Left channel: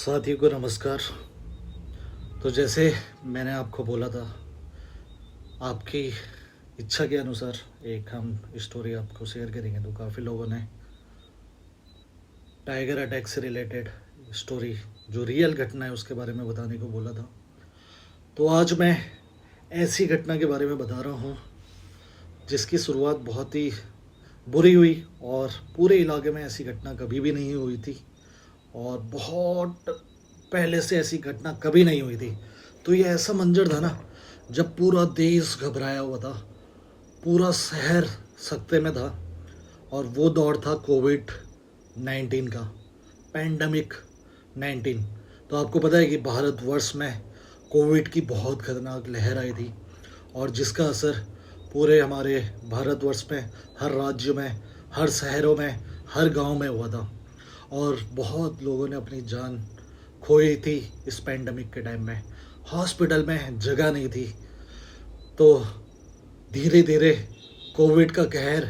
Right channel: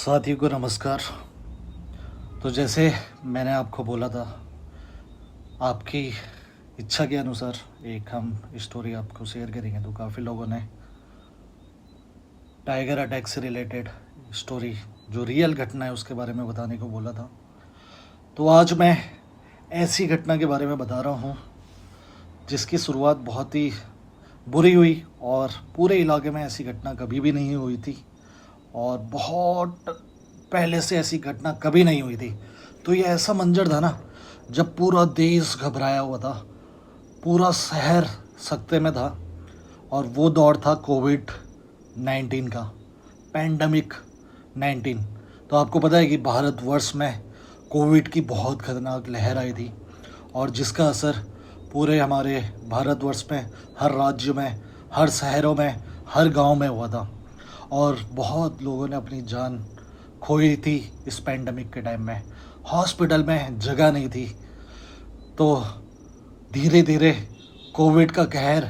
साथियों को नमस्कार। तो जैसे मैंने आपको बोला था, आपकी इच्छा के अनुसार एक हम स्टोरी आपको शेयर करेंगे। तो काफ़ी लोगों ने टाइगर अटैक से रिलेटेड स्टोरी, जो रियल घटना है उसके बारे में बताने को बोला था। तो आज मैं ऐसी घटना के बारे में बता रहा हूँ जिसकी शुरुआत बहुत ही बुरी हुई और पूरे इलाके में ऐसी घटना कभी भी नहीं हुई थी और बहुत पहले से ऐसी घटना कभी नहीं हुई थी। तो ये ऐसा मंजर था ना, जब पूरा देश घबराया हुआ था, पूरा शहर सकते में था। और वो दौर था कोविड-19 का, पैंडमिक 19। तो आपको पता है कि भारतवर्ष में कोविड की बहुत खतरनाक लहर आई थी और जिसका असर पूरे हमारे भारतवर्ष में, हर राज्य में, हर शहरों में, हर गांव में हुआ था। और बहुत लोगों ने अपनी जान खोई थी इस पैंडमिक के टाइम में। हॉस्पिटल में जगह नहीं थी। तो धीरे धीरे कोविड का कहर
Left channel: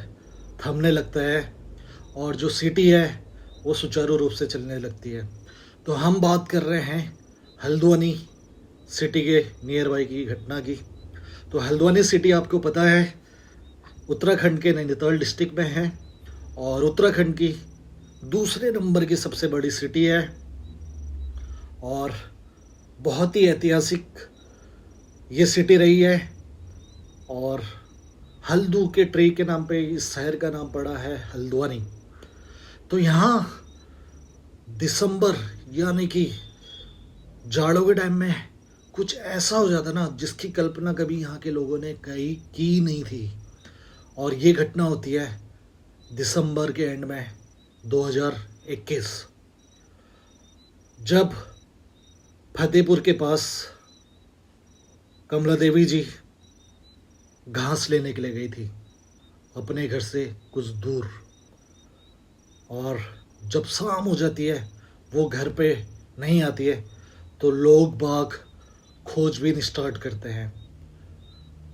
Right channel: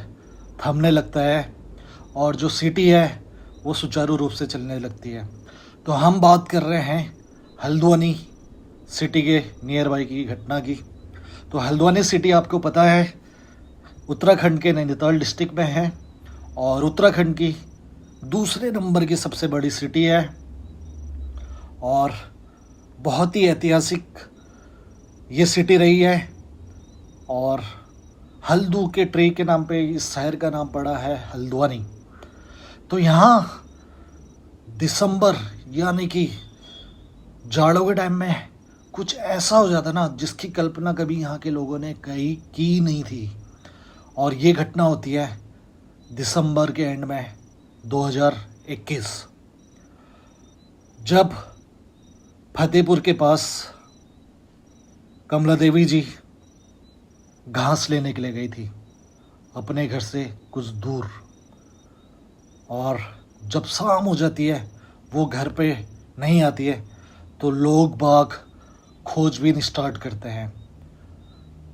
थमने लगता है और जो सिटी है वो सुचारू रूप से चलने लगती है। तो हम बात कर रहे हैं हल्द्वानी सिटी के नियर बाई की घटना की। तो हल्द्वानी सिटी आपको पता है उत्तराखंड के नैनीताल डिस्ट्रिक्ट में है और उत्तराखंड की दूसरे नंबर की सबसे बड़ी सिटी है और बहुत ही ऐतिहासिक ये सिटी रही है। और हल्दू के ट्री के नाम पे इस शहर का नाम पड़ा है हल्द्वानी। तो यहाँ दिसंबर यानी कि जाड़ों के टाइम में कुछ ऐसा हो जाता ना जिसकी कल्पना कभी यहाँ के लोगों ने कहीं की नहीं थी। और ये घटना होती है दिसंबर के एंड में 2021, जब फतेहपुर के पास कमला देवी जी घास लेने के लिए गई थी अपने घर से कुछ दूर। और जब शाम हो जाती है, वो घर पे नहीं आती है, तो लोग बाग खोजबीन स्टार्ट करते हैं।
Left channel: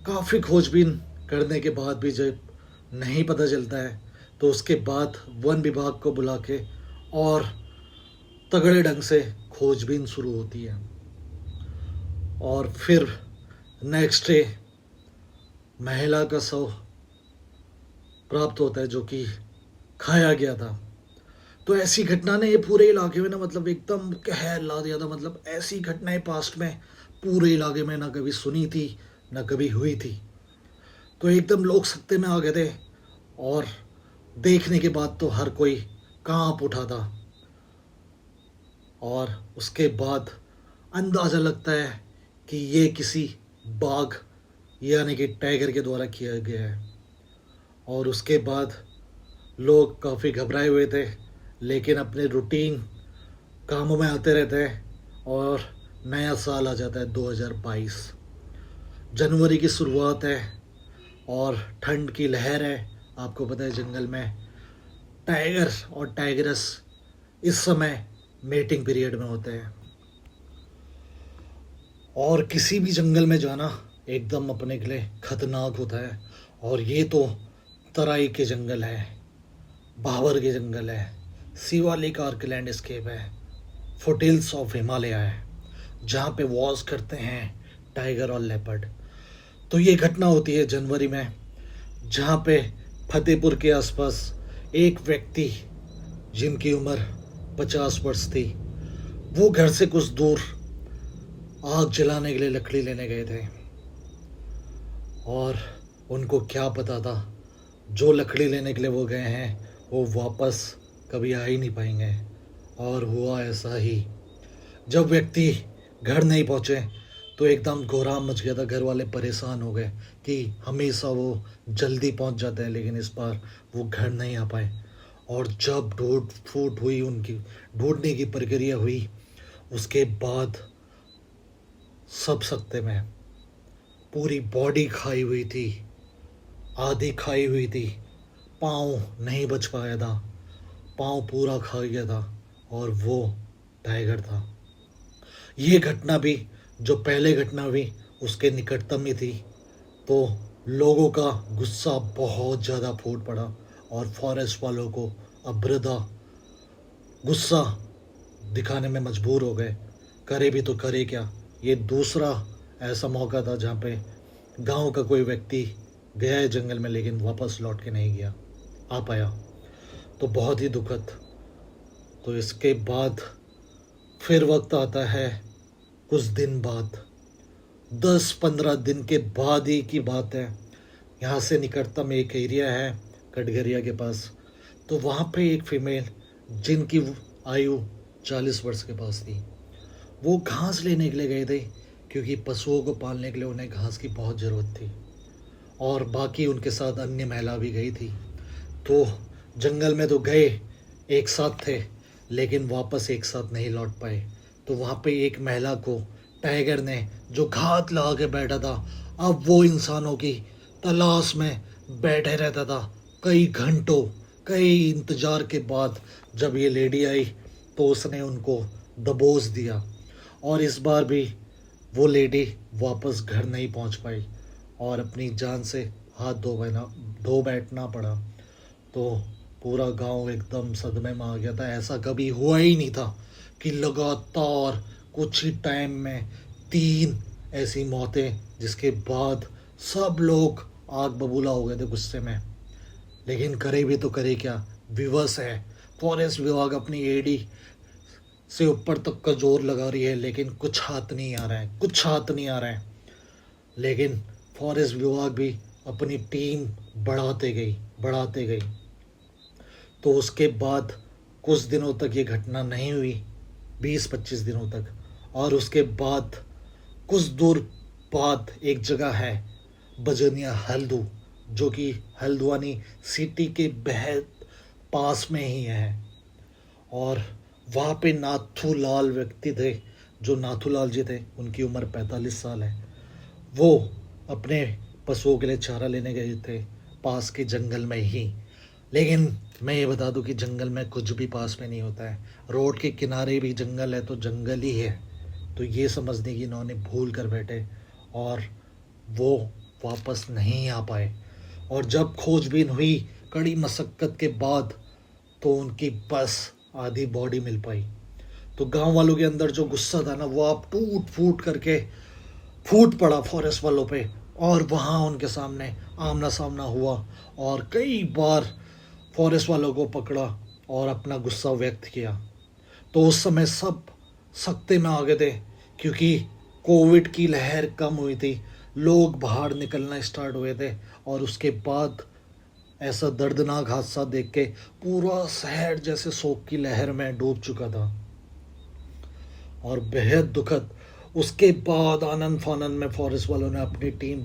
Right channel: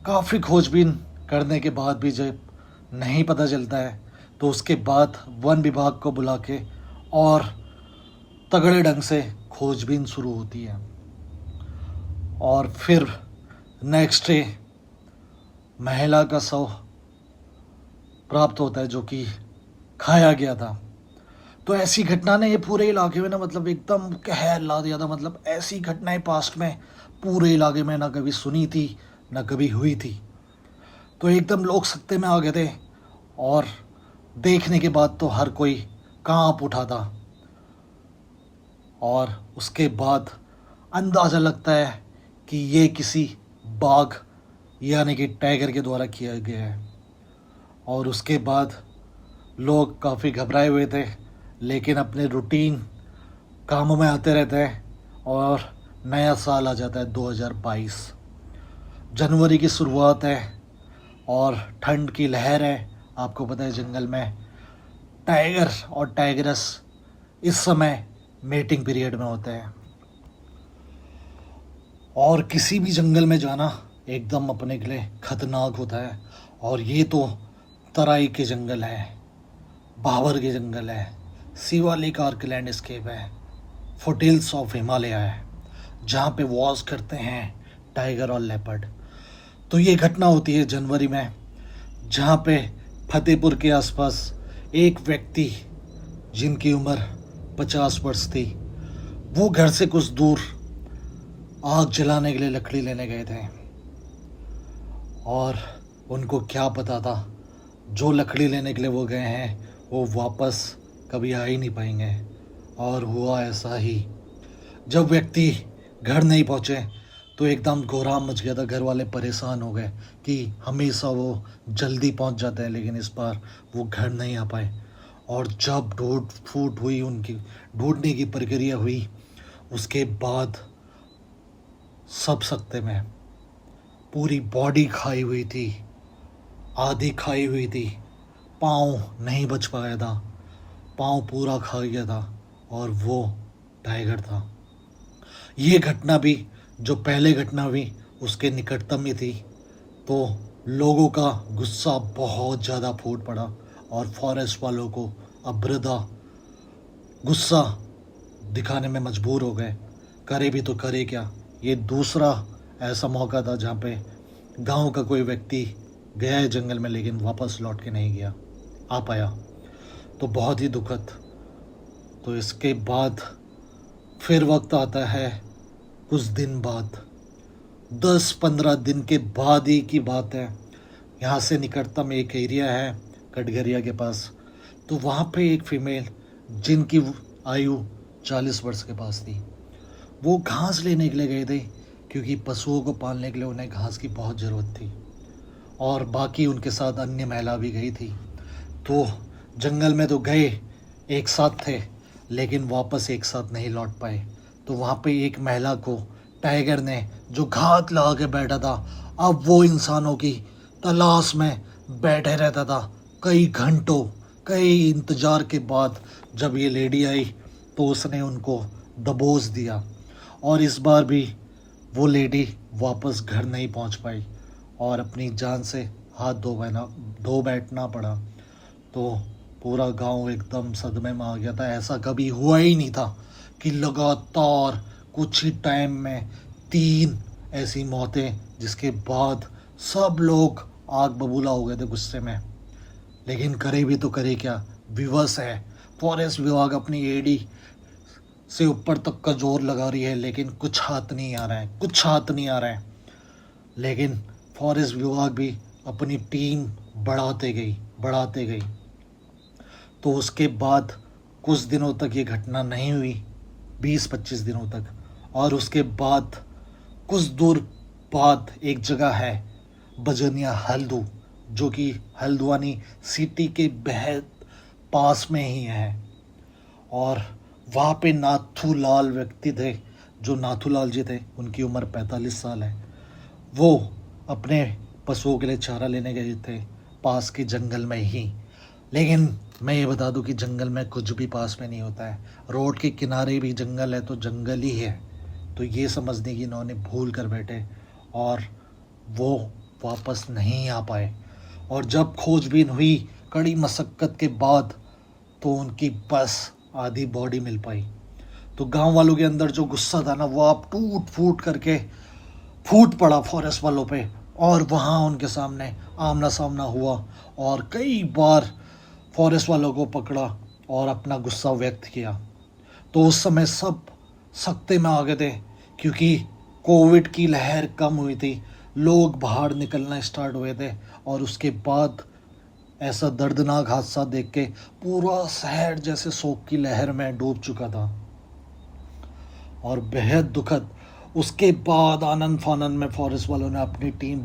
काफ़ी खोजबीन करने के बाद भी जब नहीं पता चलता है, तो उसके बाद वन विभाग को बुला के और तगड़े ढंग से खोजबीन शुरू होती है। और फिर नेक्स्ट डे महिला का शव प्राप्त होता है जो कि खाया गया था। तो ऐसी घटना ने ये पूरे इलाके में ना मतलब एकदम कहर ला दिया था। मतलब ऐसी घटनाएं पास्ट में पूरे इलाके में ना कभी सुनी थी ना कभी हुई थी। तो एकदम लोग सकते में आ गए थे और देखने के बाद तो हर कोई कांप उठा था। और उसके बाद अंदाज़ा लगता है कि ये किसी बाघ यानी कि टाइगर के द्वारा किया गया है। और उसके बाद लोग काफ़ी घबराए हुए थे, लेकिन अपने रूटीन कामों में आते रहते हैं और नया साल आ जाता है 2022। जनवरी की शुरुआत है और ठंड की लहर है। आपको पता है जंगल में टाइगर और टाइगरस इस समय मेटिंग पीरियड में होते हैं और किसी भी जंगल में जाना एकदम अपने के लिए खतरनाक होता है। और ये तो तराई के जंगल है, भावर के जंगल है, शिवालिक आर्क लैंडस्केप है, फुटिल्स ऑफ हिमालय है, जहाँ पे वॉस करते हैं टाइगर और लेपर्ड। तो ये घटना होती है जनवरी में, जहाँ पे फतेहपुर के आसपास एक व्यक्ति जिनकी उम्र 50 वर्ष थी, वो घर से कुछ दूर आग जलाने के लिए लकड़ी लेने गए थे। और उनको क्या पता था जो लकड़ी लेने के लिए वो गए हैं वो वापस कभी आ ही नहीं पाएंगे। और हुआ ऐसा ही। जब व्यक्ति घर नहीं पहुँचे तो एकदम कोहराम मच गया था। घर वाले परेशान हो गए कि हमेशा वो जल्दी पहुँच जाता है, लेकिन इस बार वो घर नहीं आ पाए। और जब ढूंढ फूट हुई, उनकी ढूंढने की प्रक्रिया हुई, उसके बाद सब सकते में पूरी बॉडी खाई हुई थी, आधी खाई हुई थी, पाँव नहीं बच पाया था, पाँव पूरा खा गया था और वो टाइगर था। ये घटना भी जो पहले घटना हुई उसके निकटतम में थी। तो लोगों का गुस्सा बहुत ज़्यादा फूट पड़ा और फॉरेस्ट वालों को अब्रदा गुस्सा दिखाने में मजबूर हो गए, करे भी तो करे क्या। ये दूसरा ऐसा मौका था जहाँ पे गांव का कोई व्यक्ति गया है जंगल में लेकिन वापस लौट के नहीं गया आ पाया, तो बहुत ही दुखद। तो इसके बाद फिर वक्त आता है कुछ दिन बाद, 10-15 दिन के बाद ही की बात है। यहाँ से निकटतम एक एरिया है कटघरिया के पास, तो वहाँ पे एक फीमेल जिनकी आयु 40 वर्ष के पास थी, वो घास लेने के लिए गए थे क्योंकि पशुओं को पालने के लिए उन्हें घास की बहुत ज़रूरत थी और बाकी उनके साथ अन्य महिला भी गई थी। तो जंगल में तो गए एक साथ थे लेकिन वापस एक साथ नहीं लौट पाए। तो वहाँ पे एक महिला को टाइगर ने जो घात लगा के बैठा था, अब वो इंसानों की तलाश में बैठे रहता था। कई घंटों कई इंतज़ार के बाद जब ये लेडी आई तो उसने उनको दबोच दिया और इस बार भी वो लेडी वापस घर नहीं पहुंच पाई और अपनी जान से हाथ धो बैठना पड़ा। तो पूरा गांव एकदम सदमे में आ गया था। ऐसा कभी हुआ ही नहीं था कि लगातार कुछ ही टाइम में 3 ऐसी मौतें, जिसके बाद सब लोग आग बबूला हो गए थे गुस्से में। लेकिन करे भी तो करे क्या, विवश है। फॉरेस्ट विभाग अपनी एडी से ऊपर तक का जोर लगा रही है लेकिन कुछ हाथ नहीं आ रहा है। लेकिन फॉरेस्ट विभाग भी अपनी टीम बढ़ाते गई। तो उसके बाद कुछ दिनों तक ये घटना नहीं हुई, 20-25 दिनों तक। और उसके बाद कुछ दूर बाद एक जगह है बजनिया हल्दू, जो कि हल्द्वानी सिटी के बेहद पास में ही है। और वहाँ पे नाथूलाल व्यक्ति थे, जो नाथूलाल जी थे, उनकी उम्र 45 साल है। वो अपने पशुओं के लिए चारा लेने गए थे पास के जंगल में ही। लेकिन मैं ये बता दूं कि जंगल में कुछ भी पास में नहीं होता है। रोड के किनारे भी जंगल है तो जंगल ही है। तो ये समझने की इन्होंने भूल कर बैठे और वो वापस नहीं आ पाए। और जब खोजबीन हुई कड़ी मशक्क़त के बाद तो उनकी बस आधी बॉडी मिल पाई। तो गांव वालों के अंदर जो गुस्सा था ना, वो अब टूट फूट करके फूट पड़ा फॉरेस्ट वालों पे। और वहाँ उनके सामने आमना सामना हुआ और कई बार फॉरेस्ट वालों को पकड़ा और अपना गुस्सा व्यक्त किया। तो उस समय सब सख्ते में आ गए थे क्योंकि कोविड की लहर कम हुई थी, लोग बाहर निकलना स्टार्ट हुए थे। और उसके बाद ऐसा दर्दनाक हादसा देख के पूरा शहर जैसे शोक की लहर में डूब चुका था और बेहद दुखद। उसके बाद आनंद फानंद में फॉरेस्ट वालों ने अपनी टीम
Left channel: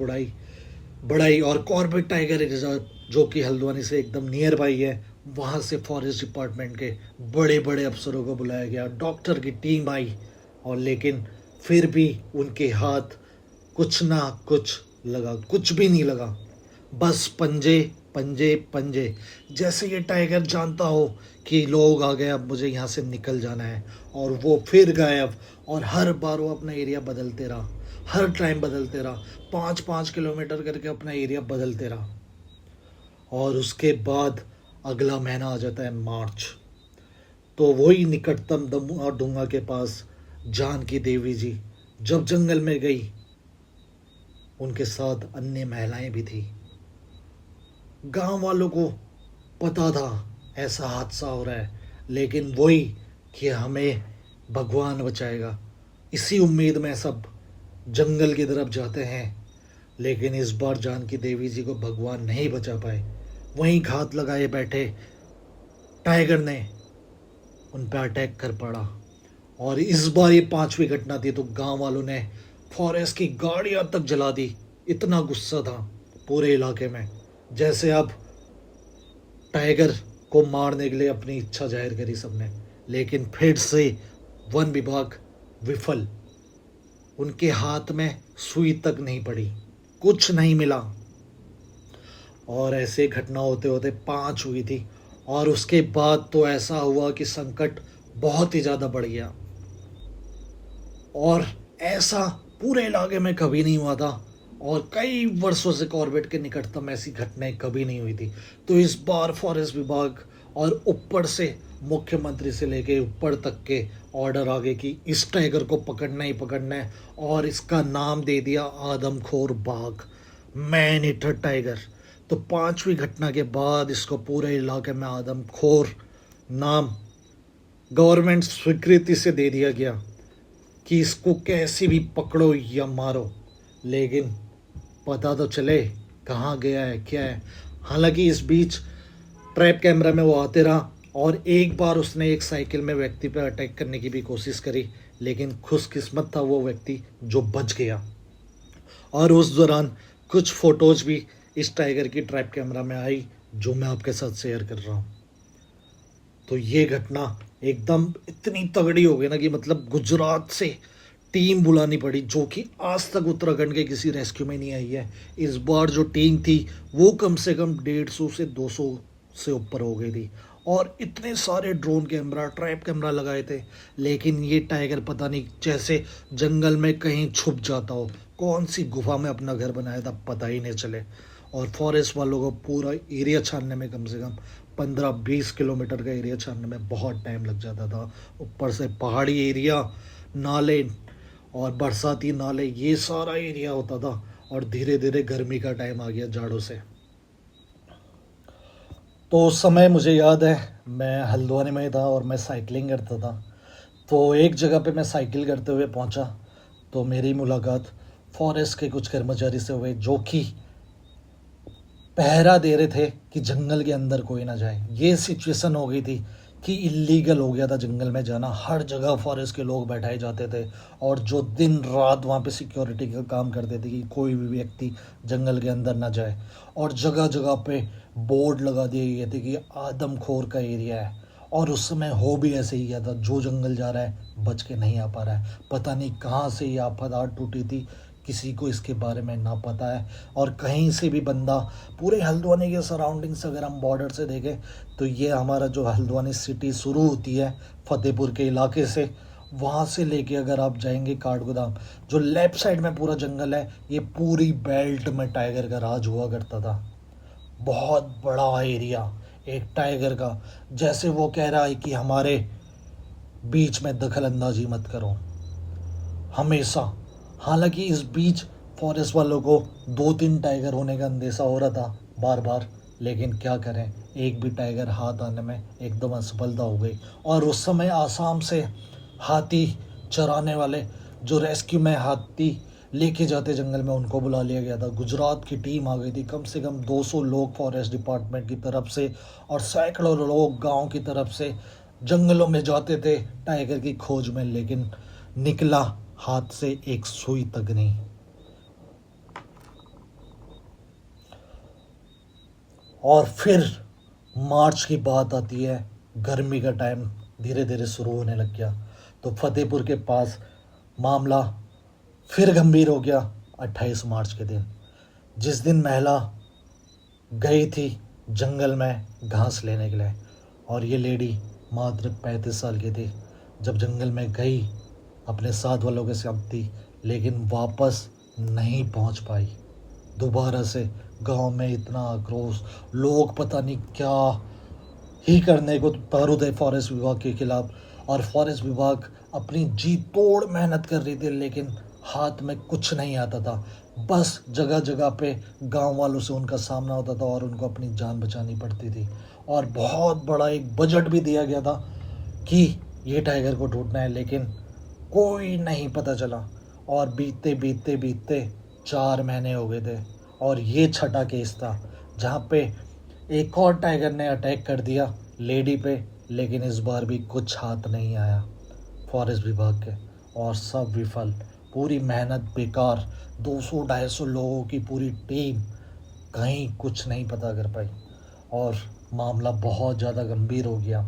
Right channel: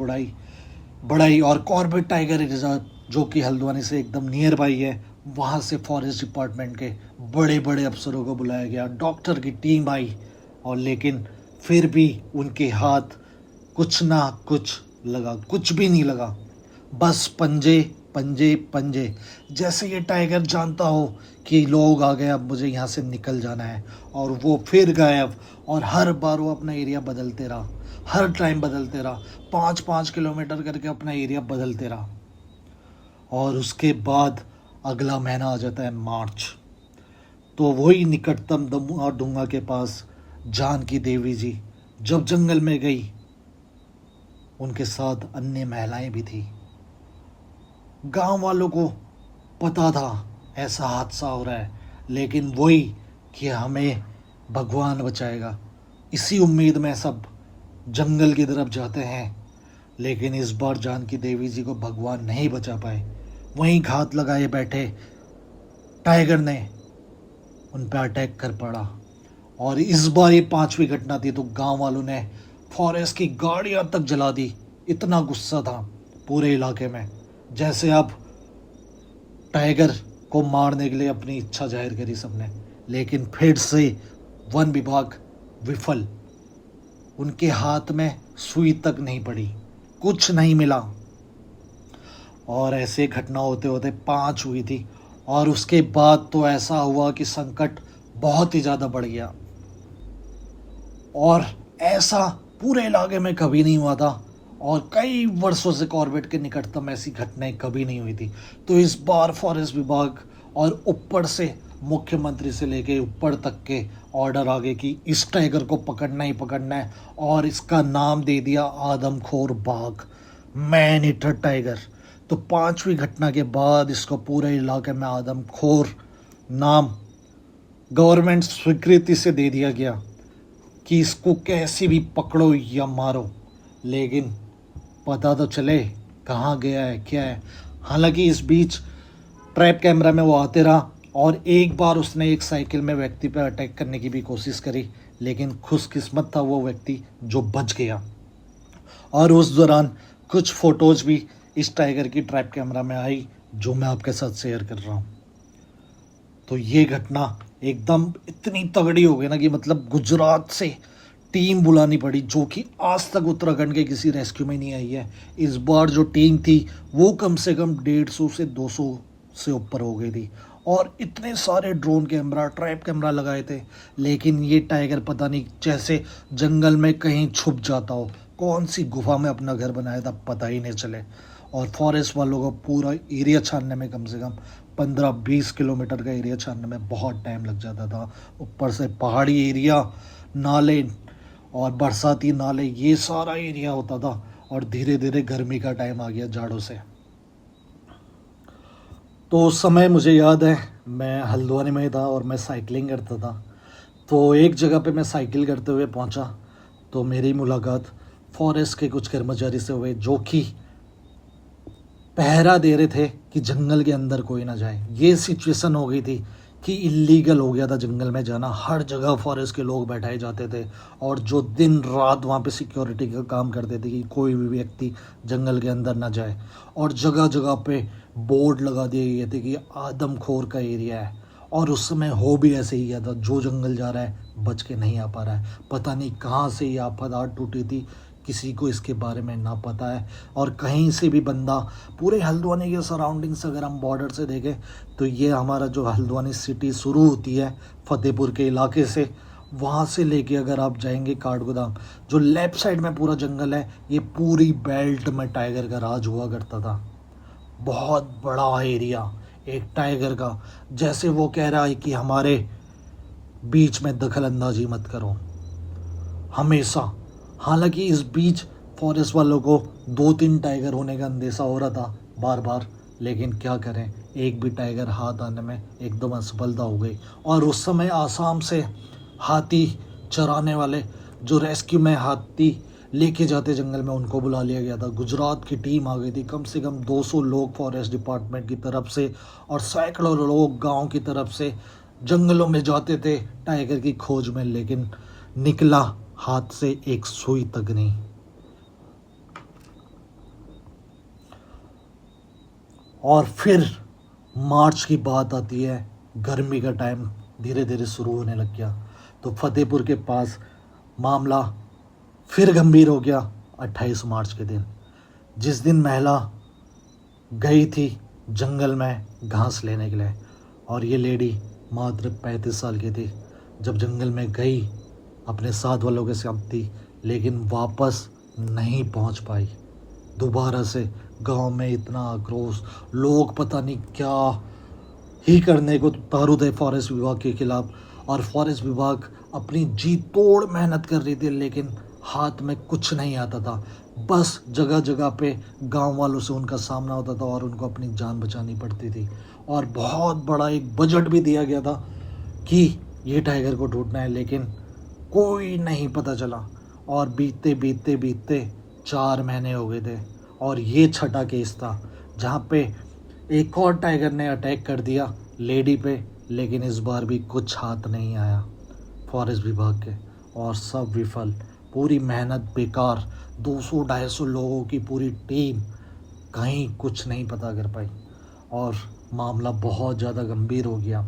बढ़ाई और कॉर्बेट टाइगर रिजर्व, जो कि हल्द्वानी से एकदम नियर बाई है, वहाँ से फॉरेस्ट डिपार्टमेंट के बड़े बड़े अफसरों को बुलाया गया, डॉक्टर की टीम आई। और लेकिन फिर भी उनके हाथ कुछ ना कुछ लगा, कुछ भी नहीं लगा, बस पंजे पंजे पंजे। जैसे ये टाइगर जानता हो कि लोग आ गए, अब मुझे यहाँ से निकल जाना है, और वो फिर गायब। और हर बार वो अपना एरिया बदलते रहा, हर टाइम बदलते रहा, 5-5 किलोमीटर करके अपना एरिया बदलते रहा। और उसके बाद अगला महीना आ जाता है मार्च। तो वही निकटतम डूंगा के पास जानकी देवी जी जब जंगल में गई, उनके साथ अन्य महिलाएं भी थी। गांव वालों को पता था ऐसा हादसा हो रहा है, लेकिन वही कि हमें भगवान बचाएगा, इसी उम्मीद में सब जंगल की तरफ जाते हैं। लेकिन इस बार जानकी देवी जी को भगवान नहीं बचा पाए। वहीं घात लगाए बैठे टाइगर ने उन पर अटैक कर पड़ा। और इस बार ये 5वीं घटना थी, तो गांव वालों ने फॉरेस्ट की गाड़ियां तक जला दी। इतना गुस्सा था पूरे इलाके में, जैसे अब टाइगर को मारने के लिए अपनी इच्छा जाहिर करी सबने। लेकिन फिर से वन विभाग विफल, उनके हाथ में सुई तक नहीं पड़ी, कुछ नहीं मिला। और ऐसे घटना होते होते 5 हुई थी। और उसके बाद तो ऐसा हुआ कि संकट बहुत ही ज़्यादा बढ़ गया, और ऐसा पूरे इलाके में कभी नहीं हुआ था। और कई वर्षों से कॉर्बेट के निकटतम ऐसी घटनाएं कभी नहीं हुई थी। तो इस बार फॉरेस्ट विभाग और ऊपर से मुख्यमंत्री से लेके ऊपर तक के ऑर्डर आ गए कि इस टाइगर को पकड़ना ही पकड़ना है, और इसका नाम दे दिया आदमखोर बाघ, मैन ईटर टाइगर। तो पांचवी घटना के बाद इसको पूरे इलाके में आदमखोर नाम गवर्नमेंट स्वीकृति से दे दिया गया कि इसको कैसे भी पकड़ो या मारो, लेकिन पता तो चले कहाँ गया है क्या है। हालांकि इस बीच ट्रैप कैमरा में वो आते रहा, और एक बार उसने एक साइकिल में व्यक्ति पर अटैक करने की भी कोशिश करी, लेकिन खुशकिस्मत था वो व्यक्ति जो बच गया। और उस दौरान कुछ फोटोज भी इस टाइगर की ट्रैप कैमरा में आई, जो मैं आपके साथ शेयर कर रहा हूँ। तो ये घटना एकदम इतनी तगड़ी हो गई ना कि मतलब गुजरात से टीम बुलानी पड़ी, जो कि आज तक उत्तराखंड के किसी रेस्क्यू में नहीं आई है। इस बार जो टीम थी वो कम से कम 150 से 200 से ऊपर हो गई थी, और इतने सारे ड्रोन कैमरा ट्रैप कैमरा लगाए थे, लेकिन ये टाइगर पता नहीं जैसे जंगल में कहीं छुप जाता हो, कौन सी गुफा में अपना घर बनाया था पता ही नहीं चले। और फॉरेस्ट वालों को पूरा एरिया छानने में कम से कम 15-20 किलोमीटर का एरिया छानने में बहुत टाइम लग जाता था। ऊपर से पहाड़ी एरिया, नाले और बरसाती नाले, ये सारा एरिया होता था। और धीरे धीरे गर्मी का टाइम आ गया जाड़ों से। तो उस समय मुझे याद है मैं हल्द्वानी में था और मैं साइकिलिंग करता था। तो एक जगह पे मैं साइकिल करते हुए पहुंचा, तो मेरी मुलाकात फॉरेस्ट के कुछ कर्मचारी से हुए, जो कि पहरा दे रहे थे कि जंगल के अंदर कोई ना जाए। ये सिचुएशन हो गई थी कि इलीगल हो गया था जंगल में जाना। हर जगह फॉरेस्ट के लोग बैठाए जाते थे, और जो दिन रात वहाँ पे सिक्योरिटी का काम करते थे कि कोई भी व्यक्ति जंगल के अंदर ना जाए। और जगह जगह पे बोर्ड लगा दिए गए थे कि आदमखोर का एरिया है। और उस समय हो भी ऐसे ही गया था, जो जंगल जा रहा है बच के नहीं आ पा रहा है। पता नहीं कहाँ से ये आफत टूटी थी, किसी को इसके बारे में ना पता है। और कहीं से भी बंदा, पूरे हल्द्वानी के सराउंडिंग्स अगर हम बॉर्डर से देखें तो ये हमारा जो हल्द्वानी सिटी शुरू होती है फतेहपुर के इलाके से, वहाँ से लेके अगर आप जाएंगे काठगोदाम, जो लेफ्ट साइड में पूरा जंगल है, ये पूरी बेल्ट में टाइगर का राज हुआ करता था। बहुत बड़ा एरिया एक टाइगर का। जैसे वो कह रहा है कि हमारे बीच में दखल अंदाजी मत करो हमेशा। हालांकि इस बीच फॉरेस्ट वालों को 2-3 टाइगर होने का अंदेशा हो रहा था बार बार, लेकिन क्या करें, एक भी टाइगर हाथ आने में एकदम असफलता हो गई। और उस समय आसाम से हाथी चराने वाले, जो रेस्क्यू में हाथी लेके जाते जंगल में, उनको बुला लिया गया था। गुजरात की टीम आ गई थी, कम से कम 200 लोग फॉरेस्ट डिपार्टमेंट की तरफ से, और सैकड़ों लोग गांव की तरफ से जंगलों में जाते थे टाइगर की खोज में, लेकिन निकला हाथ से एक सुई तक नहीं। और फिर मार्च की बात आती है, गर्मी का टाइम धीरे धीरे शुरू होने लग गया। तो फतेहपुर के पास मामला फिर गंभीर हो गया 28 मार्च के दिन, जिस दिन महिला गई थी जंगल में घास लेने के लिए। और ये लेडी मात्र 35 साल की थी। जब जंगल में गई अपने साथ वालों के साथ थी, लेकिन वापस नहीं पहुंच पाई। दोबारा से गांव में इतना आक्रोश, लोग पता नहीं क्या ही करने को उतारू थे फॉरेस्ट विभाग के खिलाफ। और फॉरेस्ट विभाग अपनी जी तोड़ मेहनत कर रही थी, लेकिन हाथ में कुछ नहीं आता था। बस जगह जगह पे गांव वालों से उनका सामना होता था और उनको अपनी जान बचानी पड़ती थी। और बहुत बड़ा एक बजट भी दिया गया था कि ये टाइगर को ढूंढना है, लेकिन कोई नहीं पता चला। और बीतते बीतते बीतते 4 महीने हो गए थे, और ये छठा केस था जहाँ पे एक और टाइगर ने अटैक कर दिया लेडी पे, लेकिन इस बार भी कुछ हाथ नहीं आया फॉरेस्ट विभाग के, और सब विफल, पूरी मेहनत बेकार। 200-250 लोगों की पूरी टीम कहीं कुछ नहीं पता कर पाई, और मामला बहुत ज़्यादा गंभीर हो गया।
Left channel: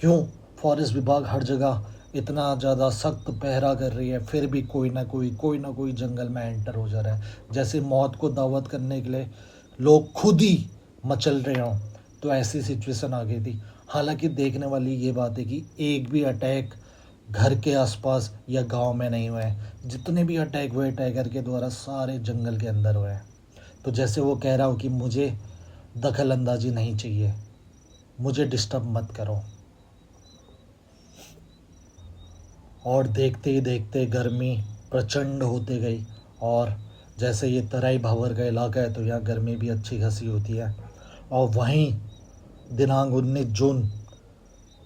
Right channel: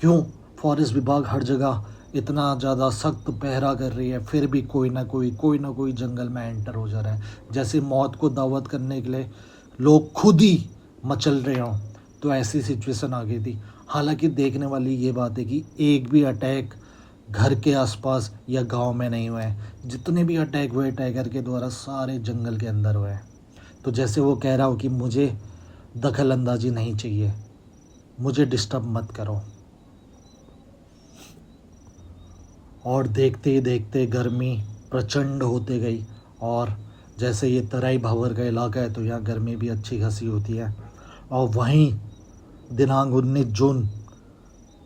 क्यों? फॉरेस्ट विभाग हर जगह इतना ज़्यादा सख्त पहरा कर रही है, फिर भी कोई ना कोई जंगल में एंटर हो जा रहा है। जैसे मौत को दावत करने के लिए लोग खुद ही मचल रहे हों, तो ऐसी सिचुएशन आ गई थी। हालांकि देखने वाली ये बात है कि एक भी अटैक घर के आसपास या गांव में नहीं हुए हैं। जितने भी अटैक हुए टाइगर के द्वारा, सारे जंगल के अंदर हुए हैं। तो जैसे वो कह रहा हो कि मुझे दखल अंदाजी नहीं चाहिए, मुझे डिस्टर्ब मत करो, और देखते ही देखते गर्मी प्रचंड होते गई। और जैसे ये तराई भावर का इलाका है तो यहाँ गर्मी भी अच्छी खासी होती है। और वहीं दिनांक 19 जून,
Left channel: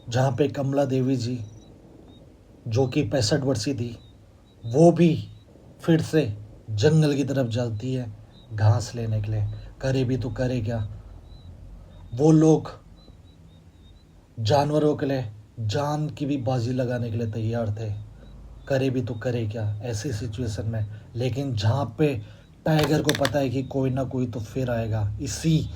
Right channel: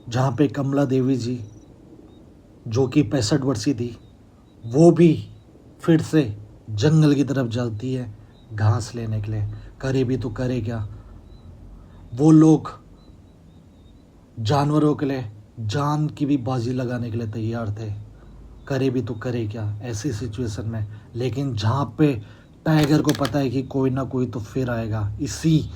जहाँ पे कमला देवी जी जो कि 65 वर्षीय थी, वो भी फिर से जंगल की तरफ जाती है घास लेने के लिए। करे भी तो करे क्या, वो लोग जानवरों के लिए जान की भी बाजी लगाने के लिए तैयार थे। करे भी तो करे क्या ऐसी सिचुएशन में। लेकिन जहाँ पे टाइगर को पता है कि कोई ना कोई तो फिर आएगा, इसी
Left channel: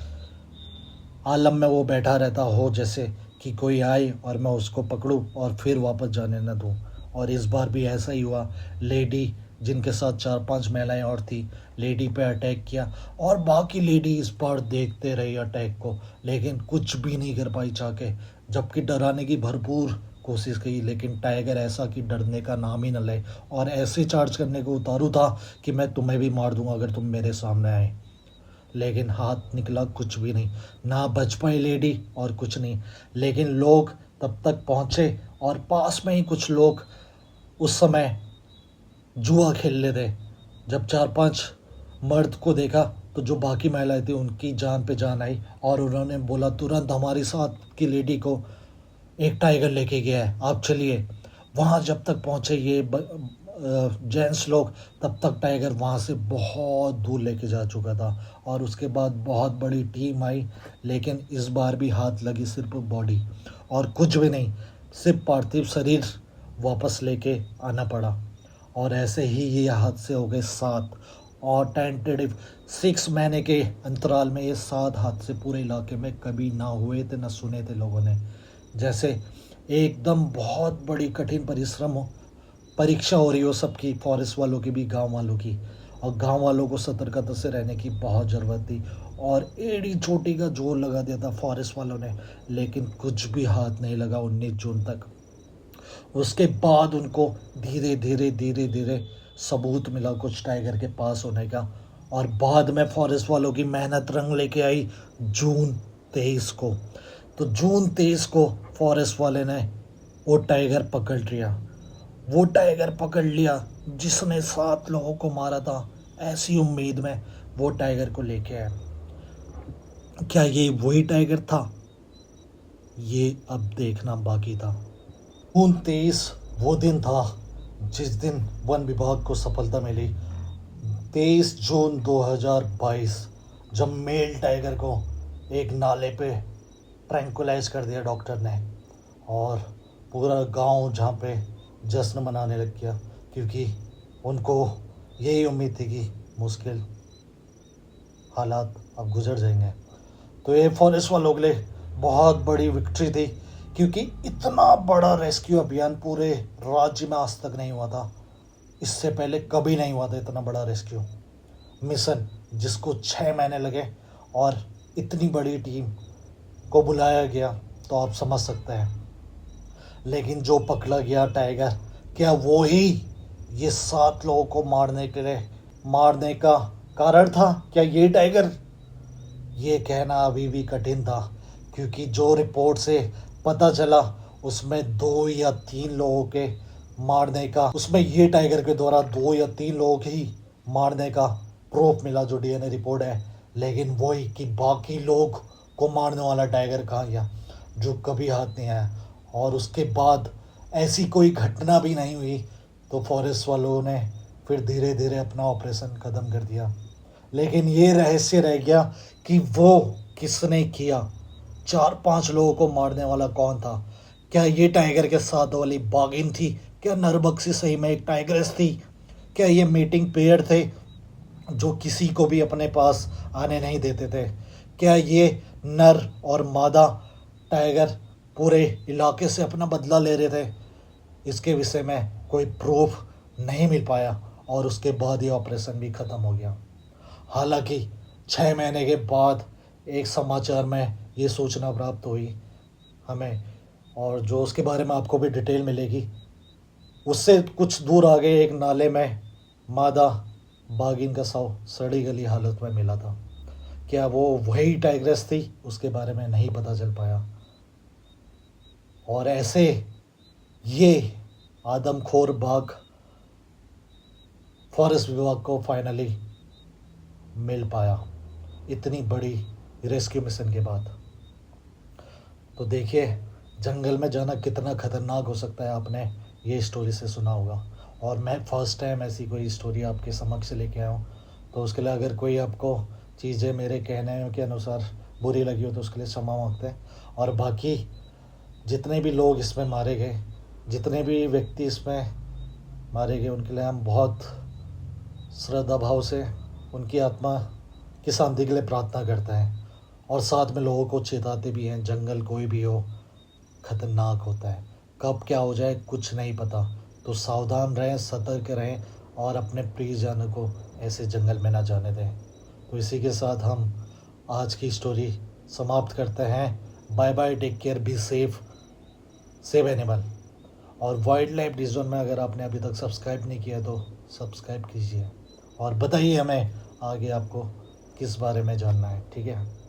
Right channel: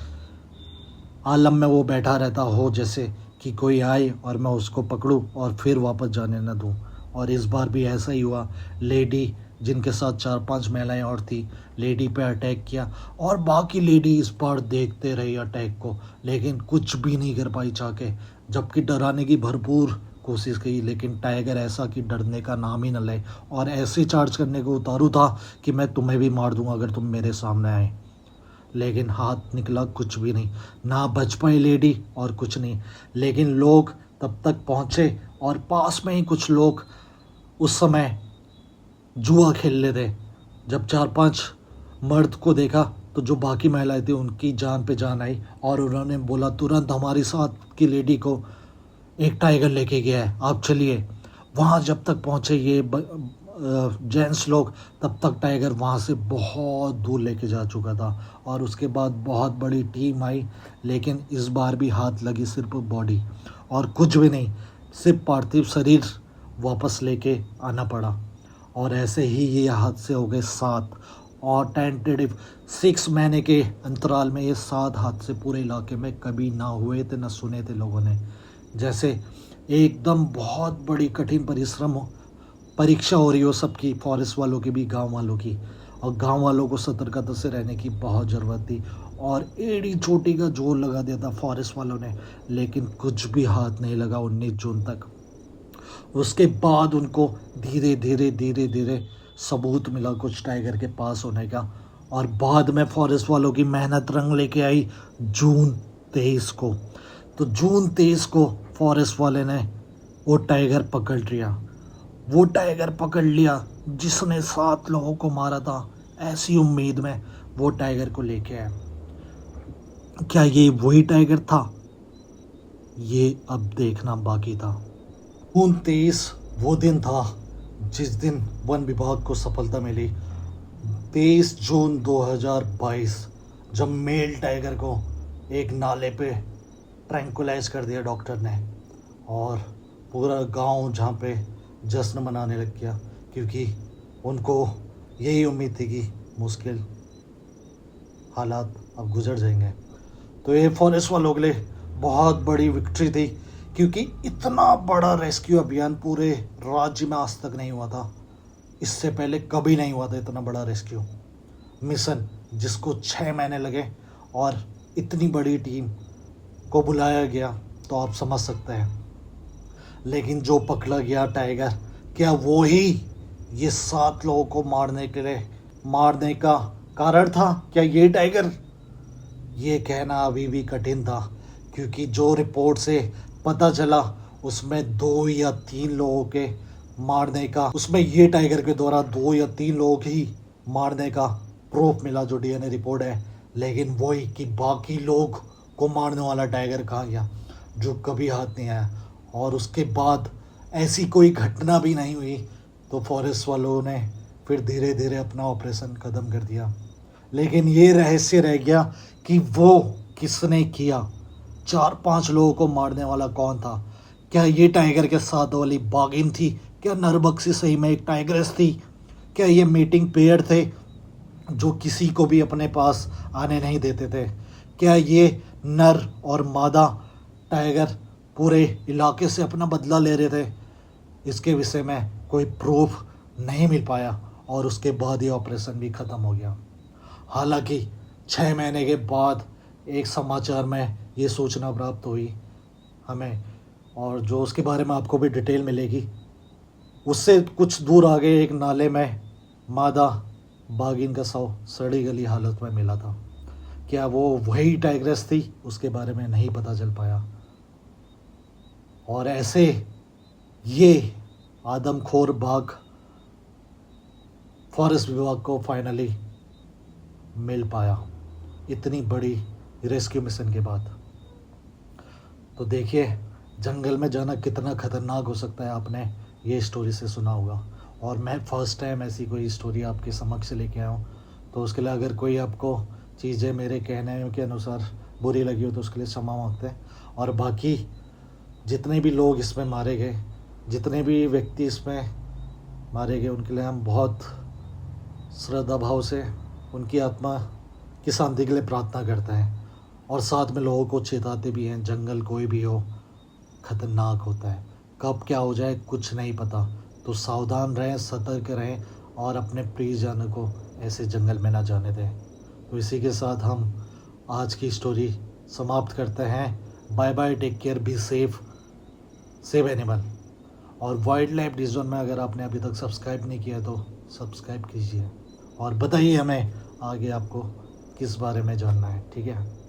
आलम में वो बैठा रहता हो जैसे कि कोई आए और मैं उसको पकड़ूं और फिर वापस जाने न दूं। और इस बार भी ऐसा ही हुआ। लेडी जिनके साथ 4-5 महिलाएं और थी, लेडी पे अटैक किया और बाकी लेडी इस बार देखते रही अटैक को, लेकिन कुछ भी नहीं कर पाई चाके। जबकि डराने की भरपूर कोशिश की, लेकिन टाइगर ऐसा कि डरने का नाम ही न ले और ऐसे चार्ज करने को उतारू था कि मैं तुम्हें भी मार दूंगा अगर तुम मेरे सामने आए। लेकिन हाथ निकला कुछ भी नहीं, ना बच पाई लेडी और कुछ नहीं। लेकिन लोग तब तक पहुंचे और पास में ही कुछ लोग उस समय जुआ खेल रहे थे। जब 4-5 मर्द को देखा तो जो बाकी महिलाएं थी उनकी जान पे जान आई और उन्होंने बोला तुरंत हमारी साथ की लेडी को एक टाइगर लेके गया है, आप चलिए। वहाँ जब तक पहुँचे ये जेंट्स लोग, तब तक टाइगर वहाँ से बहुत दूर लेके जा चुका था। और उसके बाद बहुत बड़ी टीम आई, लेकिन इस बार भी हाथ लगी सिर्फ बॉडी और कुछ भी नहीं, सिर्फ पार्थिव शरीर वापस लेके आना पड़ा। और ऐसे ही ये हादसे हो गए 7 और टेंटेटिव 6 महीने के अंतराल में ये 7 हादसे पूरे इलाके में कभी ना हुए थे, ना सुने थे लोगों ने। जैसे एकदम बहुत बड़ी कठिन परिश्रम हो, परीक्षा हो रही हो सबकी, फॉरेस्ट वालों की भी, गांव वालों की। और गांव वालों को सतर्कता से रहने की बहुत ज़रूरत थी और एड़ी चोटी का जोर लगा दिया था फॉरेस्ट वालों ने, लेकिन कुछ भी हाथ नहीं लगा 19 जून तक। उसके बाद उनको धीरे धीरे धीरे धीरे सबूत मिला कुछ टाइगर के पास होने का। और बाद में फॉरेस्ट वालों की मेहनत रंग लेके आई जून 23 को। तो जून 23 को फॉरेस्ट वाले ने वो टाइगर पकड़ लिया। वो टाइगर पकड़ लिया जिसने 7 लोगों को मारा था। ऐसी उम्मीद में वो टाइगर को लेके आए। क्या ये वही टाइगर था? ये अब देखना बाकी था। जून 23 वो दिन था जिस दिन वन विभाग को सफलता मिली। 23 जून 2022 जब मेल टाइगर को एक नाले पे ट्रैंकुलाइज कर दिया डॉक्टर ने और पूरा गांव जहाँ पे जश्न मनाने लग गया, क्योंकि उनको यही उम्मीद थी कि मुश्किल हालात अब गुजर जाएंगे। तो ये फॉरेस्ट वालों के लिए बहुत बड़ी विक्ट्री थी, क्योंकि इतना बड़ा रेस्क्यू अभियान पूरे राज्य में आज तक नहीं हुआ था। इससे पहले कभी नहीं हुआ था इतना बड़ा रेस्क्यू मिशन, जिसको 6 महीने लगे और इतनी बड़ी टीम को बुलाया गया, तो आप समझ सकते हैं। लेकिन जो पकड़ा गया टाइगर, क्या वो ही ये 7 लोगों को मारने का कारण था? क्या ये टाइगर? ये कहना अभी भी कठिन था, क्योंकि जो रिपोर्ट से पता चला उसमें 2 या 3 लोगों के मारने का, उसमें ये टाइगर के द्वारा 2 या 3 लोगों की मारने का प्रूफ मिला, जो डीएनए रिपोर्ट है। लेकिन वही कि बाकी लोग को मारने वाला टाइगर कहाँ गया, जो कभी हाथ नहीं आया। और उसके बाद ऐसी कोई घटना भी नहीं हुई, तो फॉरेस्ट वालों ने फिर धीरे धीरे अपना ऑपरेशन ख़त्म कर दिया। लेकिन ये रहस्य रह गया कि वो किसने किया, 4-5 लोगों को मारने वाला कौन था? क्या ये टाइगर के साथ वाली बागिन थी? क्या नरबक्सी सही में एक टाइग्रेस थी? क्या ये मीटिंग पेयर थे जो किसी को भी अपने पास आने नहीं देते थे? क्या ये नर और मादा टाइगर पूरे इलाके से अपना बदला ले रहे थे? इसके विषय में कोई प्रूफ नहीं मिल पाया और उसके बाद ये ऑपरेशन भी ख़त्म हो गया। हालांकि 6 महीने के बाद एक समाचार में ये सूचना प्राप्त हुई हमें, और जो उसके बारे में आपको भी डिटेल मिलेगी। उससे कुछ दूर आगे एक नाले में मादा बागिन का शव सड़ी गली हालत में मिला था। क्या वो वही टाइग्रेस थी? उसके बारे में नहीं पता चल पाया। और ऐसे ये आदमखोर बाघ फॉरेस्ट विभाग को फाइनली मिल पाया, इतनी बड़ी रेस्क्यू मिशन के बाद। तो देखिए जंगल में जाना कितना ख़तरनाक हो सकता है, आपने ये स्टोरी से सुना होगा। और मैं फर्स्ट टाइम ऐसी कोई स्टोरी आपके समक्ष लेके आया हूँ, तो उसके लिए अगर कोई आपको चीज़ें मेरे कहने के अनुसार बुरी लगी हो तो उसके लिए क्षमा मांगते हैं। और बाकी जितने भी लोग इसमें मारे गए, जितने भी व्यक्ति इसमें मारे गए, उनके लिए हम बहुत श्रद्धा भाव से उनकी आत्मा की शांति के लिए प्रार्थना करते हैं। और साथ में लोगों को चेताते भी हैं, जंगल कोई भी हो खतरनाक होता है, कब क्या हो जाए कुछ नहीं पता। तो सावधान रहें, सतर्क रहें और अपने प्रियजनों को ऐसे जंगल में ना जाने दें। तो इसी के साथ हम आज की स्टोरी समाप्त करते हैं। Bye bye, take care, be safe, save animal. और वाइल्ड लाइफ डिज़ोन में अगर आपने अभी तक सब्सक्राइब नहीं किया तो सब्सक्राइब कीजिए और बताइए हमें आगे आपको किस बारे में जानना है, ठीक है।